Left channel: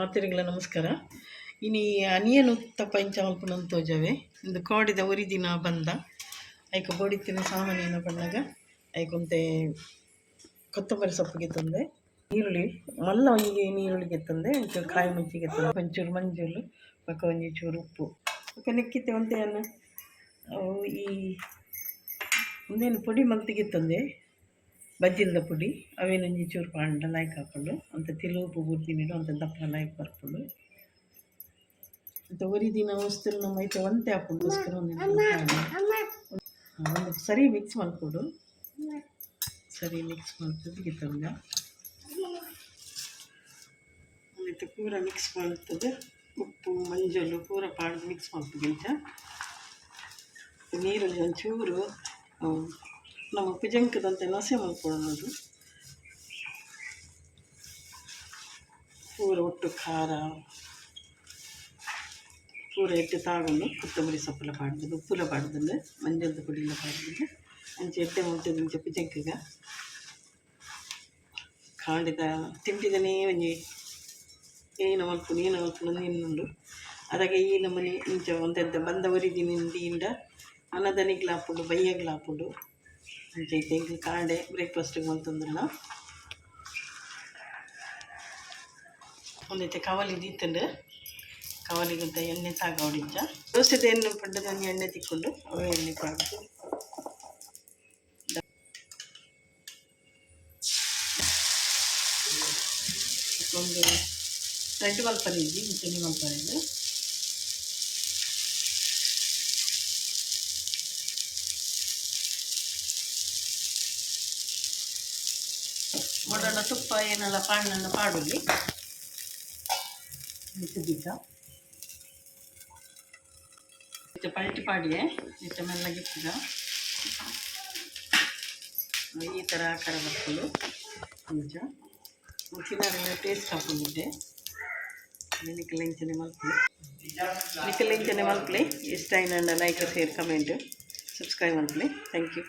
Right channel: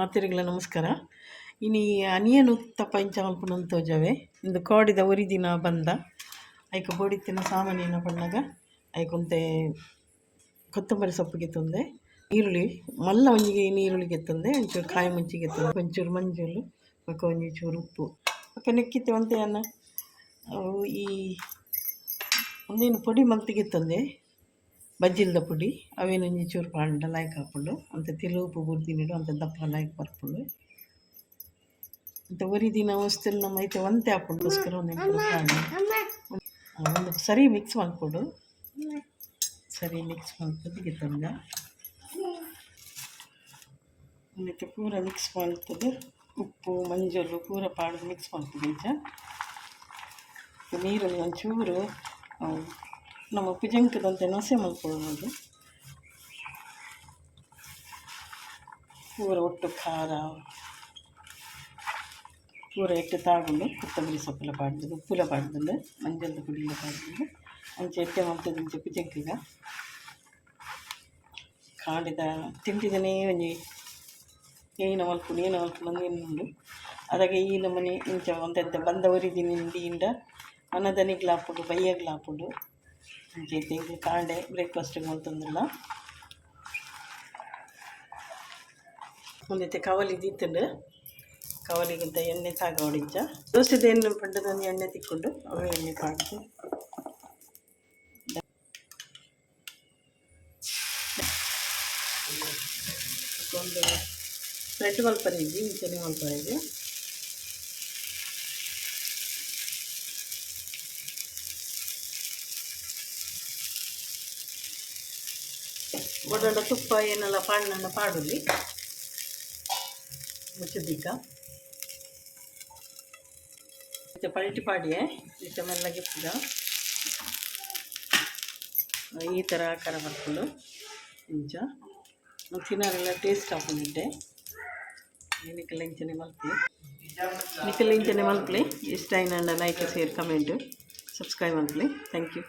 ಮಾತೆರೆಗ್ಲ ನಮಸ್ಕಾರ. ಇನಿ ಅನಿಯನ್ ಉತ್ತಪ್ಪ ಇಂಚ ಮಲ್ಪುನಂದು ತೋಜಾವೆ. ಇಂದು ಕಾಡಿದ ಒರಿ ದಿನ ಬಂದ ಐಕ ಬೋಡಿತ್ತಿನ ಸಾಮಾನ್ಯನ ಪಂಡಾಗ ಐಕೊಂತೆ ಕೊತ್ತಂಬರಿ ಸೊಪ್ಪು ಗೆತ್ತಂದೆ, ಈರುಳ್ಳಿ ಮಲ್ಲ ಒಂಜಿಗೆ ನೀರುಳ್ಳಿ ಗೆತ್ತಂದೆ, ಒಂಚೂರು ಕಾಯಿ ಮುಂಚಿ ಗೆತ್ತಂದೆ, ಒಂಚೂರು ಮಂಜೂರು ಪಕ್ಕ ಒಂಚೂರು ಉಪ್ಪು ಪಕ್ಕ ನೆಕ್ಕಿತ್ತೆ ಒಂತೆ ಅನ್ನ ಈ ಒಂದೇನು ಪೊಡಿ ಮಲ್ತಿ ಗೆತ್ತಂದೆ ಬಜ್ಜಿಲ್ದ ಪುಡಿ ಅವೇನೊಂಜಿ ಚೂರು ಪಾಂಡ ಲಾಯ್ಕ್ ಹಾಕ್ಕೊಂಡು ಅಂತ ತಿಳುಪು ಬುರ್ದಿನಿಡು ಅಂತ ದಪ್ಪ ಲಾಯ್ಕ್ ಬರ್ಕೊಂಡು ಅಂತ ಒರಿ ದಿನ ವಸ್ತುಲು ನಮ್ಮ ಐತೆ ಒಂತೆ ಹಾಕ್ಕೊಂಡೋಸ್ಕರ ಒಂದು ಸರಿ ಮಿಕ್ಸ್ ಮಾಡಿಕೊಡು. ಸರಿ ಮಿಕ್ಸ್ ಮಾಡ್ತದೆ ತಂದ ಒಂದೈತೆ ಪೂರ ಮಿಕ್ಸ್ ಮಾಡ್ತದೆ. ಉಪ್ಪು ಮಂಜಲು ಪೂರ ಪಾಡ್ದು ಮಿಕ್ಸ್ ಮಾಡ್ತದೆ. ಇಂಚ ನೀರಲ್ಲಿ ಒಂಚೂರು ನಮ್ಮ ಉಪ್ಪಿಜಂಕದಂತೆ ನೊಸೆ ಮಾಡ್ಕೊಳ್ಳೋದು. ಪೂರ ಒಟ್ಟು ಖಾರ ಪೂರ ಎಟ್ಟು ತಾಗೊಂಡು ಕೊತ್ತಂಬರಿ ಸೊಪ್ಪೆಲ್ಲ ಪಾಡ್ದು ಉಪ್ಪುಲ ಪಾಡ್ದು ಮಂಜದ ಪುಡಿಯೆಲ್ಲ ಪಾಡ್ದು ಅಂಚೆ ಎಟ್ಟೆ ಮಾಡ್ತದೆ. ಇಂಚೆ ಉಪ್ಪಿಜಂಕಗ ಕಾಂಡಿದ ತಿಂಡಿದನೇ ಒಂಜಿ ಏನು ಮಲ್ಪುನು ನಿನ್ನುಂಡು ಅದಾಗೆ ಈ ನಮ್ಮನೆ ಇಂಚ ಒಂತೆಂತ ಬಂದ ಒರಿದಿನಿಂದ ಮನದನಿಗ್ಲಾಪುಡು ಬಯ್ಯಗ್ಲಾಪುಡು ಅಂಚೈತೆ ಈಗ ಕಾಂಡೆ ಬ್ರೇಕ್ಫಾಸ್ಟಿಗೆ ಮಲ್ತಂದಿಲ್ಲ. ಒಂದೈತೆ ಕವಲಿ ದೀತಂಡು ಕವಲಿಗಿಂತ ಎಣ್ಣೆ ತಾಗೋಡಿಂಚ ದೋಸೆದ ಎಣ್ಣೆ ಪಡ್ಡದೊಂದು ಎಣ್ಣೆ ತಿಕ್ಕೊಂಡು ಅವ ಎಣ್ಣೆ ಕಾಡ್ದು ಒಂದು ಫ್ರೆಂಡ್ ಮಲ್ಪರಿದ್ದಿ ಇಂಚನೆ ಮಲ್ಪರಿದ್ದೆ. ಒಡಡ ತುಪ್ಪ ಏನೆಲ್ಲ ಪಾಡನ್ನ ಪಾಡುಲಿ ಮುಚ್ಚದೀಗ ಪಲ್ಟಿ ಪಾಡಿಯೇ ಇಷ್ಟ ಮೆಲ್ಲಗಿಪ್ಪುಗ ಈ ಥರ ಆಕಾರ ಮಾಡ್ಕೊಂಡು ಕೊಂಚ ತಿನ್ನೋರೆಲ್ಲ ಟೇಸ್ಟ್ ಹಾಕೊಂಡಿದ್ದೆ. ನಿಕ್ಕೆಲ್ಲ ಇಂಚನೆ ಮಲ್ಪಲಿ ಇಷ್ಟ ಏನಂಡ ಲೈಕ್ ಶೇರ್ ಕಮೆಂಟ್ ಸಬ್ಸ್ಕ್ರೈಬ್ ಮಲ್ಪಲಿ. Thank you.